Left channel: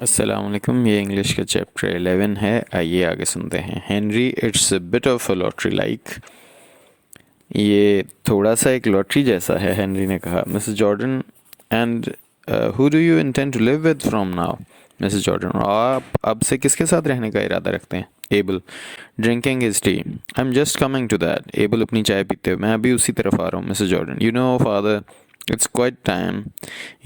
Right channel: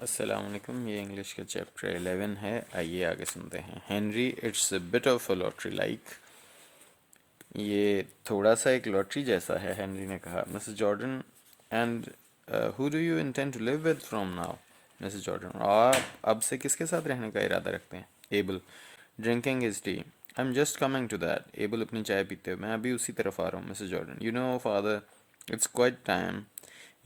अस्सलाम वालेकुम। ये इंग्लिश का चैप्टर 11 है। आइए आगे सुनते हैं। Henry, it's a bit of a lottery like. ये थोड़ा सा एक लॉटरी जैसा है, हेनरी ने कहा। Mrs Jordan, and who do you intend to live with from now? Mrs Jordan, आप अब से किसके साथ रहने का इरादा रखते हैं? Abel, drinking his tea. I am just coming to that. Abel अपनी चाय पीते हुए, मैं अभी उसी तरफ आ रहा हूँ। Mrs Jordan, you know father, it's quite time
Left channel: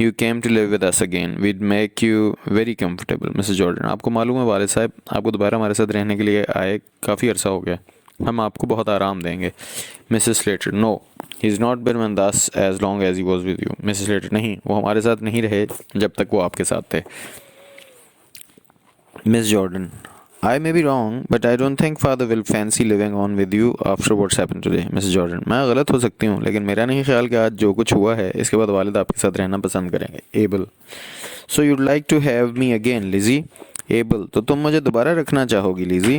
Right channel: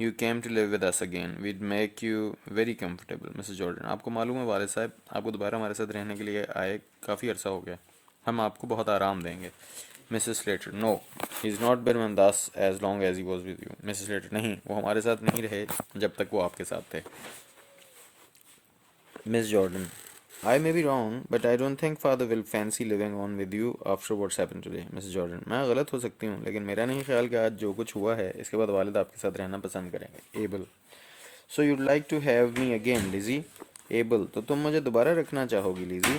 you came to live with us again. We'd make you very comfortable. Mrs. Jordan, आपको मालूम है वालिद साहब आपको दोबारा हमारे साथ रहने के लिए आए काफ़ी अरसा हो गया। हम आपको बहुत आराम देंगे। Mrs Slater, no, he is not been with us as long as he was with you. Mrs Slater, नहीं, वो हमारे साथ नहीं रहे जब तक वो आपके साथ थे। Miss Jordan, I may be wrong, but I don't think father will fancy living on with you after what's happened today. Mrs. Jordan, मैं गलत हो सकती हूँ लेकिन मेरा नहीं ख्याल कि आज जो कुछ हुआ है इसके बाद वालिद आपके साथ रहना पसंद करेंगे। Able, so you'd like to have me again, Lizzie? Able, तो तुम मुझे दोबारा रखना चाहोगी लिजी?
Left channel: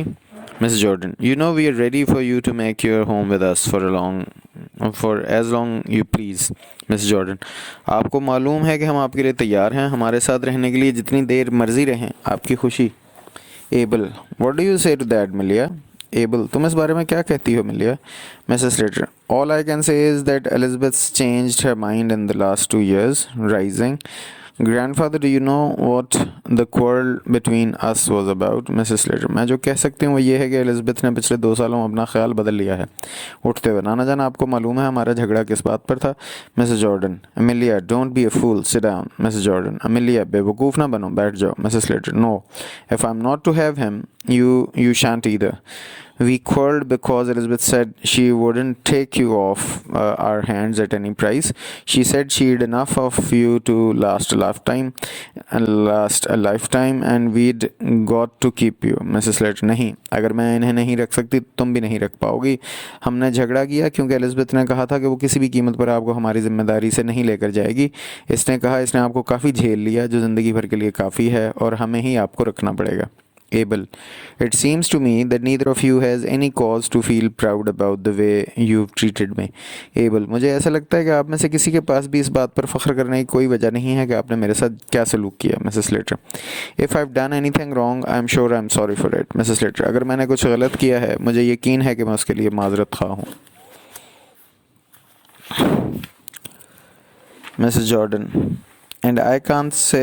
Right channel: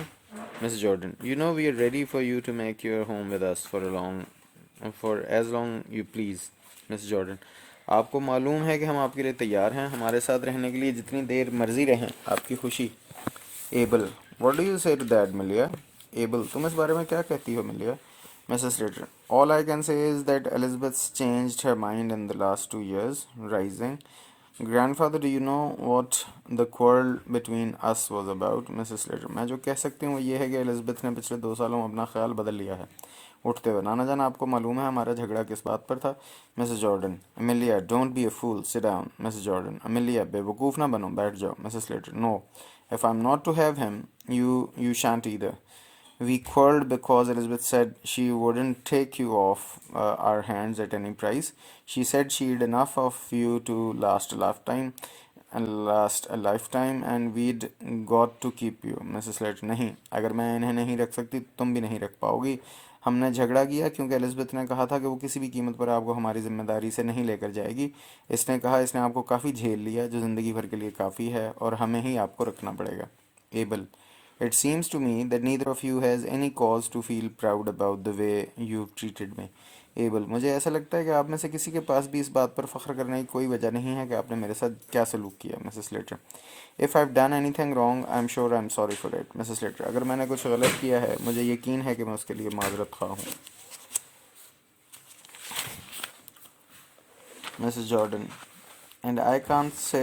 Mrs. Jordan, you know we are ready for you to make your home with us for as long you please. Mrs. Jordan, आपको मालूम है कि हम आपके लिए तैयार हैं, हमारे साथ रहने के लिए जितनी देर मर्जी रहें, आपकी खुशी। एबल, व्हाट डू यू से टू दैट मिलिया? एबल, तुम इस बारे में क्या कहती हो मिलिया? Mrs Slater, all I can say is that Elizabeth changed her mind in the last 2 years, rising. Grandfather, do you know what the quarrel between us was about? Mrs Slater, मैं जो कह सकती हूँ वो ये है कि एलिजाबेथ ने पिछले 2 सालों में अपना ख्याल बदल लिया है। उठते हुए, नाना जान आपको मालूम है हमारा झगड़ा किस बात पर था? Mrs Jordan, Amelia, don't be a fool, sit down. Mrs Jordan, Amelia, बेवकूफ़ ना बनो, बैठ जाओ। Mrs Slater, no, if I am not to have him, you shan't either. We quarreled because Elizabeth said she wouldn't take you off our hands at any price. She said she'd enough of you to last a lifetime, and we'd got to keep you. Mrs. Slater, नहीं, अगर मैं इन्हें नहीं रख सकती तुम भी नहीं रख पाओगी। हमने झगड़ा किया क्योंकि एलिजाबेथ ने कहा था कि वो किसी भी कीमत पर आपको हमारी जिम्मेदारी से नहीं लेकर जाएगी। इसने कहा इसने आपको काफ़ी झेल लिया जो ज़िंदगी भर के लिए काफ़ी है, और हमें ही आपको रखना पड़ेगा। Abel, it seems to me that neither of you has any cause to feel proud about the way you've treated me. Abel, मुझे ऐसा लगता है कि आप में से किसी के पास भी इस बात पर फ़ख्र करने की कोई वजह नहीं है कि आपने मेरे साथ क्या सलूक किया। Mrs. Slater, if I've done anything wrong, I'm sure I'm sorry for it. Mrs. Slater, अगर मैंने कुछ गलत किया है मुझे यकीन है कि मैं उसके लिए माजरत खा हूँ। Mrs. Jordan, and I can't say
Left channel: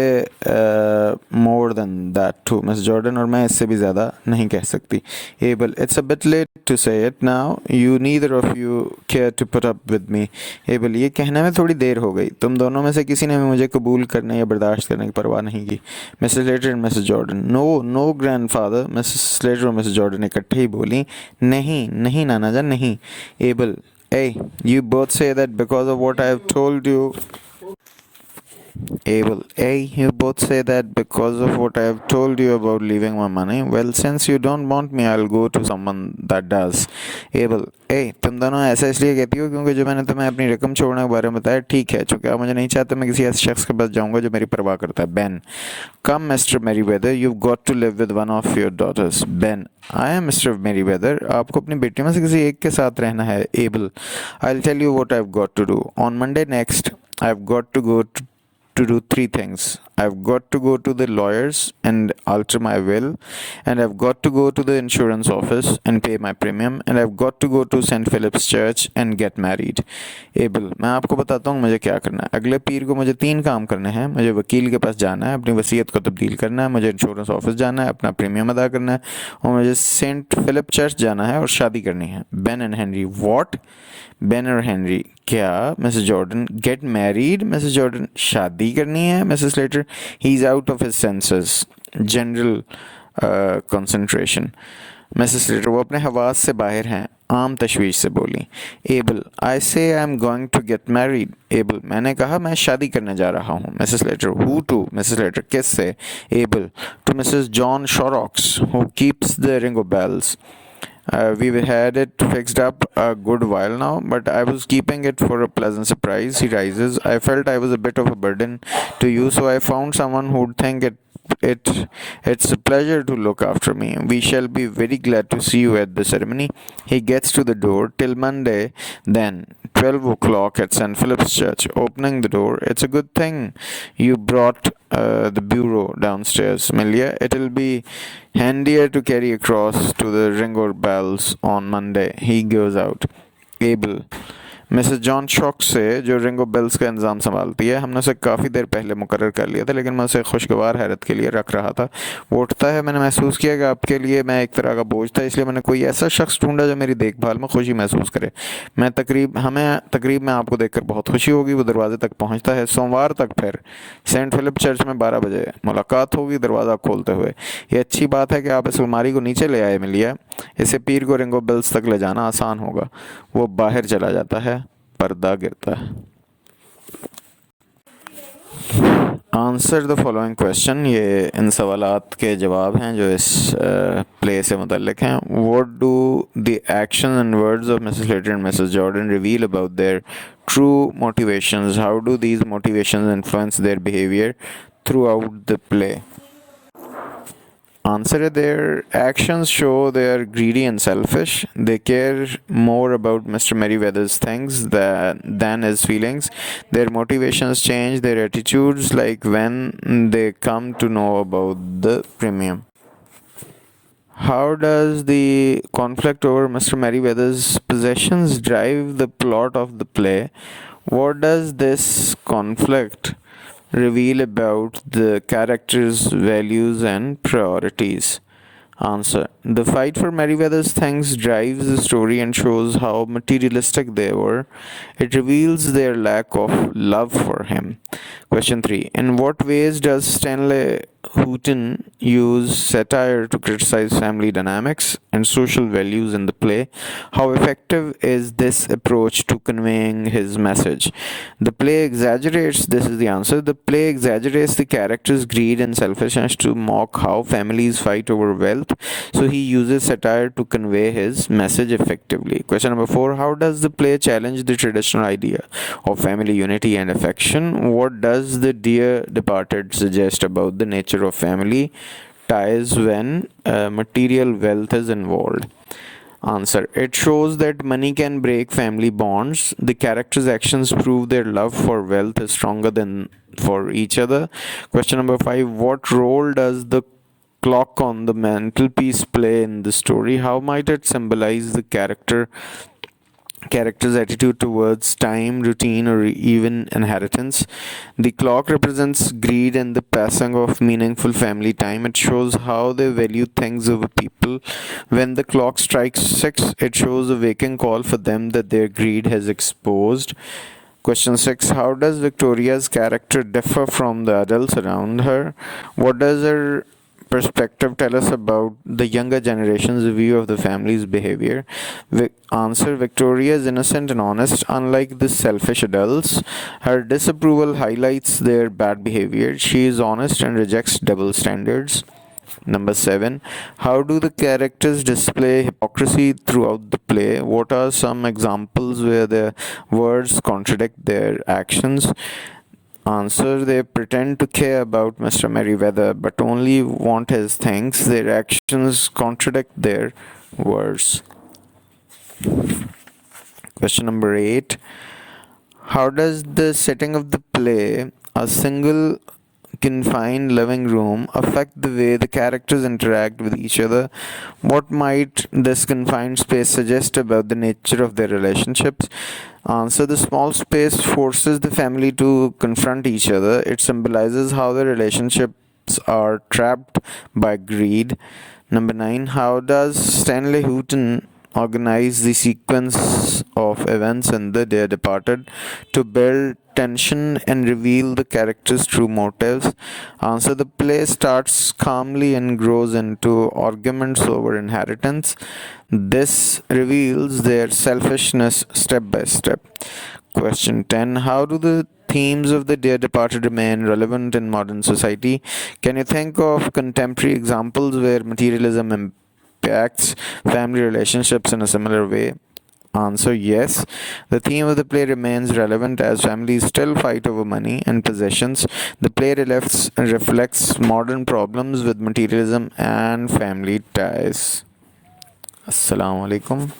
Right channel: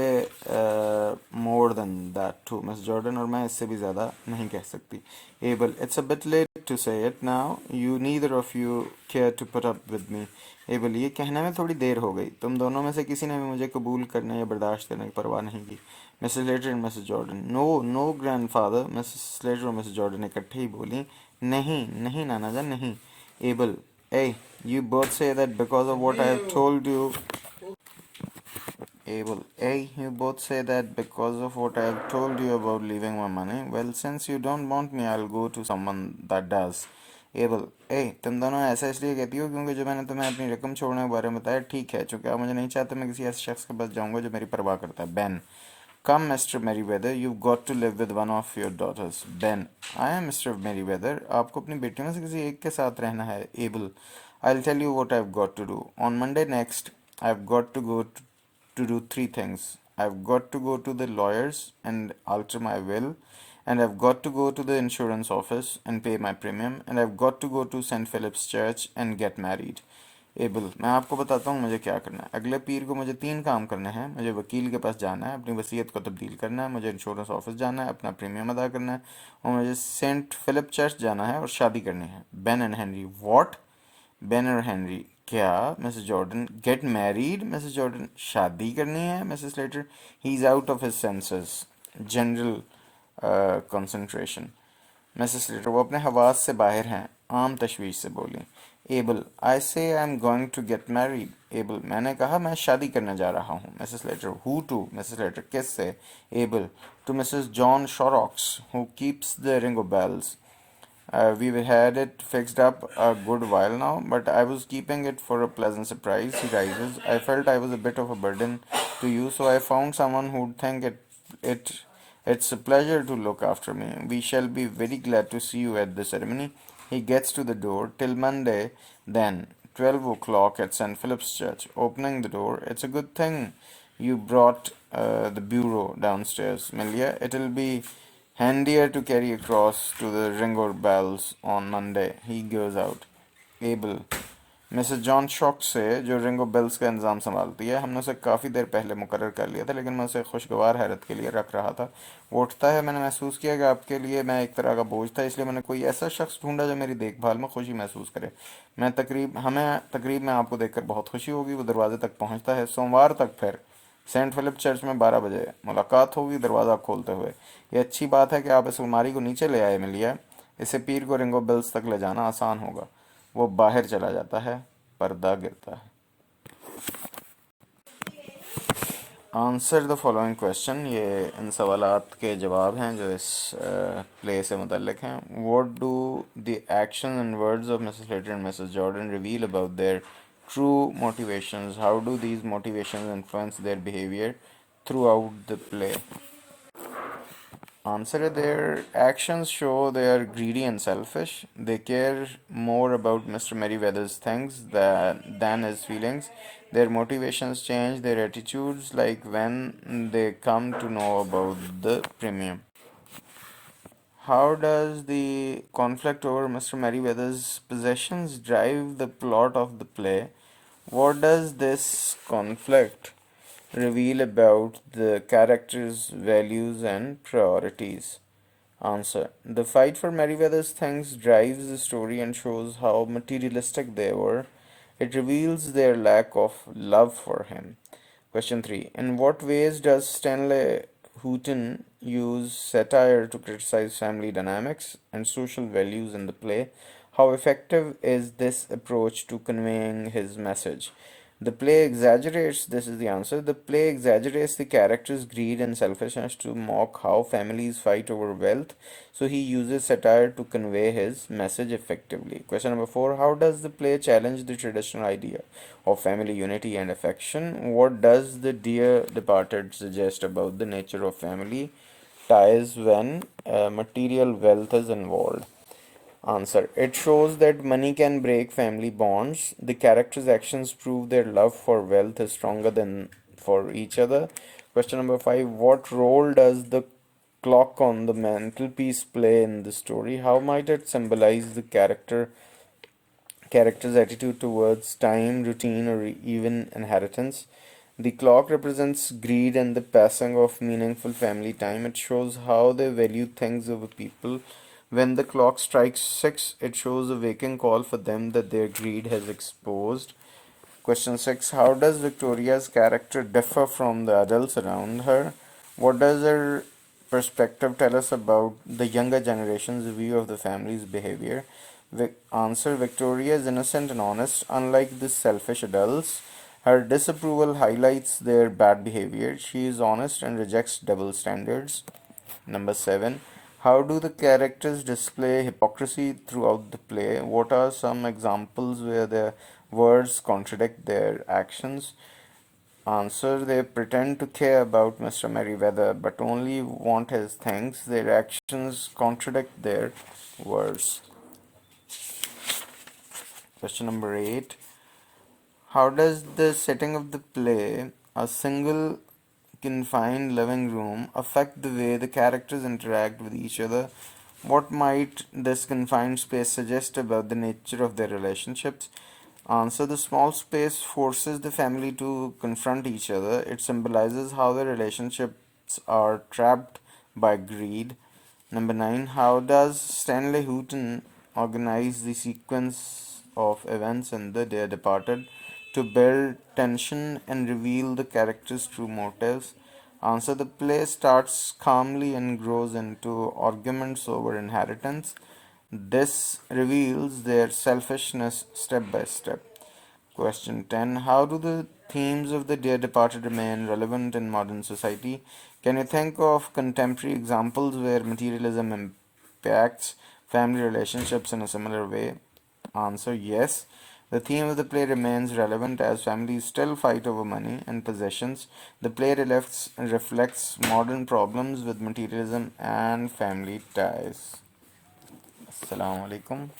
more than that to Miss Jordan, और मैं इससे भी ज़्यादा नहीं कह सकती। Abel, it's a bit late to say it now, you neither of you care to put up with me. Abel, ये कहने में थोड़ी देर हो गई, तुम दोनों में से किसी ने भी मुझे कबूल करने या बर्दाश्त करने की परवाह नहीं की। Mrs Slater and Mrs Jordan, no no grandfather. Mrs Slater और मिसेस जॉर्डन इकट्ठे ही बोली, नहीं नहीं नाना जान, नहीं। Abel, eh, you both say that because of what I have told you. Abel, hey, you both say that because of what I have told you about leaving my money. Well, since you don't want me, I'll go to someone that does. Abel, hey, तुम दोनों ऐसा इसलिए कहती हो क्योंकि जो मैंने तुम्हें अपनी रकम छोड़ने के बारे में बताया ठीक है, चूंकि आप मुझे नहीं चाहते मैं किसी ऐसे शख्स के पास जाऊंगा जो मेरी परवाह करता है। Ben, come Mr. Merryweather, you've got to live with one of your daughters. Ben, I am Mr. Merryweather, आपको अपनी बेटी में से किसी एक के साथ रहना है। Abel, I'll tell you what I've got to do. On Monday next, I've got to go to do 3 things. I've got to go to the lawyers and alter my will, and I've got to go to the insurance office and pay my premium, and I've got to go to St. Philip's Church and get married. Abel, मैं आपको बताता हूँ मुझे क्या करना है। अगले पीर को मुझे 3 काम करने हैं। मुझे वकील के पास जाना है, अपनी वसीयत को तब्दील करना है, मुझे इंश्योरेंस ऑफिस जाना है, अपना प्रीमियम अदा करना है, और मुझे सेंट फिलिप चर्च जाना है और शादी करनी है। Ben and Henry, what? Ben और हेनरी, क्या? Mrs Jordan, get married? Mrs Jordan, शादी करनी है? Mrs Slater, he is out of his senses, general concentration. Mrs Slater, वो अपने हवास से बाहर हैं, आम तशवीश से बोली। Abel, I say I am going to get married. Abel, मैंने कहा मैं शादी करने जा रहा हूँ। Mrs Slater, who to? Mrs Slater, किस से? Abel, to Mrs John Shorrocks who keeps the Ringo Bells. We've had it fixed up a good while now, but I was keeping it for a pleasant surprise. He rises. I felt I was a bit of a burden to you, so I found someone who'd think it It's a pleasure to look after me. We shall be very glad to see you at the ceremony. He gets to the door. Till Monday, then. 12 o'clock at St. Philip's Church. Opening the door. It's a good thing you brought the bureau downstairs, Amelia. It'll be handier to carry across to the Ringo Bells on Monday. He goes out. Abel. Mrs John shock से जो Ringo bells का इंतज़ाम संभालती है, हमने उसे काफ़ी देर पहले मुकर्रर कर लिया था, लेकिन मैं उसे खुशगवार हैरत के लिए रख रहा था। वो उठता है। मैंने महसूस किया कि आपके लिए मैं एक तरह का बोझ था, इसलिए मैंने कोई ऐसा शख्स ढूंढा जो मेरी देखभाल में खुशी महसूस करे। हमें तकरीब में आपको देखकर बहुत खुशी होगी। वो दरवाजे तक पहुँचता है। सोमवार तक फिर सेंट फिलिप चर्च में 12 बजे मुलाकात होगी, दरवाज़ा खोलते हुए। ये अच्छी बात है कि आप इस अलमारी को नीचे ले आए मिलिया। इसे पीर को रिंगो बेल्स तक ले जाना आसान होगा। वो बाहर चला जाता है। पर्दा गिरता है। Answer the following question. ये इन सवालात के जवाब हैं जो इस प्ले से मुतल्लिक हैं। What do the action and words of Mrs Slater and Mrs Jordan reveal about their true motivations? How do these motivations influence their behaviour throughout the play? Answer. Their actions show they are greedy and selfish. They care more about Mr. Merryweather's things than his feelings. Their motivations change their attitudes like when they come to know about the premium. How does the conflict over Mr. Merryweather's possessions drive the plot of the play? What does this conflict reveal about the characters' values and priorities? Answer. The fight for Merryweather's things drives the story and shows how materialistic they were. It reveals their lack of love for him. Question 3. In what ways does Stanley Houghton use satire to criticize family dynamics and social values in the play? How effective is this approach to conveying his message? The play exaggerates, this is the answer, the play exaggerates the character's greed and selfishness to mock how families fight over wealth, so he uses satire to convey his message effectively. Question number 4. How does the play challenge the traditional idea of family unity and affection? What does the Dear Departed suggest about the nature of family ties when material wealth is involved? Answer. It shows that money can break family bonds. The characters' actions prove their love for wealth is stronger than for each other. Question number 5. What role does the clock on the mantelpiece play in the story? How might it symbolize the character's attitude towards time, routine, or even inheritance? The clock represents greed and the passing of meaningful family time. It shows how they value things over people. When the clock strikes 6, it shows a waking call for them that their greed has exposed. Question 6. How does Victoria's character differ from the adults around her? What does her perspective tell us about the younger generation's view of the family's behavior? Answer. Victoria is innocent and honest, unlike the selfish adults. Her disapproval highlights their bad behavior. She is honest and rejects double standards. Number 7. How do the characters display hypocrisy throughout the play? What are some examples where their words contradict their actions? Answer. They pretend to care about Mr. Merryweather but only want his things. Their actions contradict their words. Question number 8. How does the setting of the play, a single confined living room, affect the way the characters interact with each other? What might this confined space suggest about the nature of their relationships? Answer. The small space forces the family to confront each other. It symbolizes how the relationships are trapped by greed. Number 9. How does Stanley Houghton organize the sequence of events in The Dear Departed to build tension and reveal the characters' true motives? Answer. The play starts calmly and grows into arguments over inheritance. This reveals their selfishness step by step. Question 10. How do the themes of The Dear Departed remain relevant in modern society? Can you think of contemporary examples where materialism impacts family relationships in a similar way? Answer yes. The theme of the play remains relevant as families still fight over money and possessions. The play reflects modern problems with materialism and family ties. Assalamu alaikum.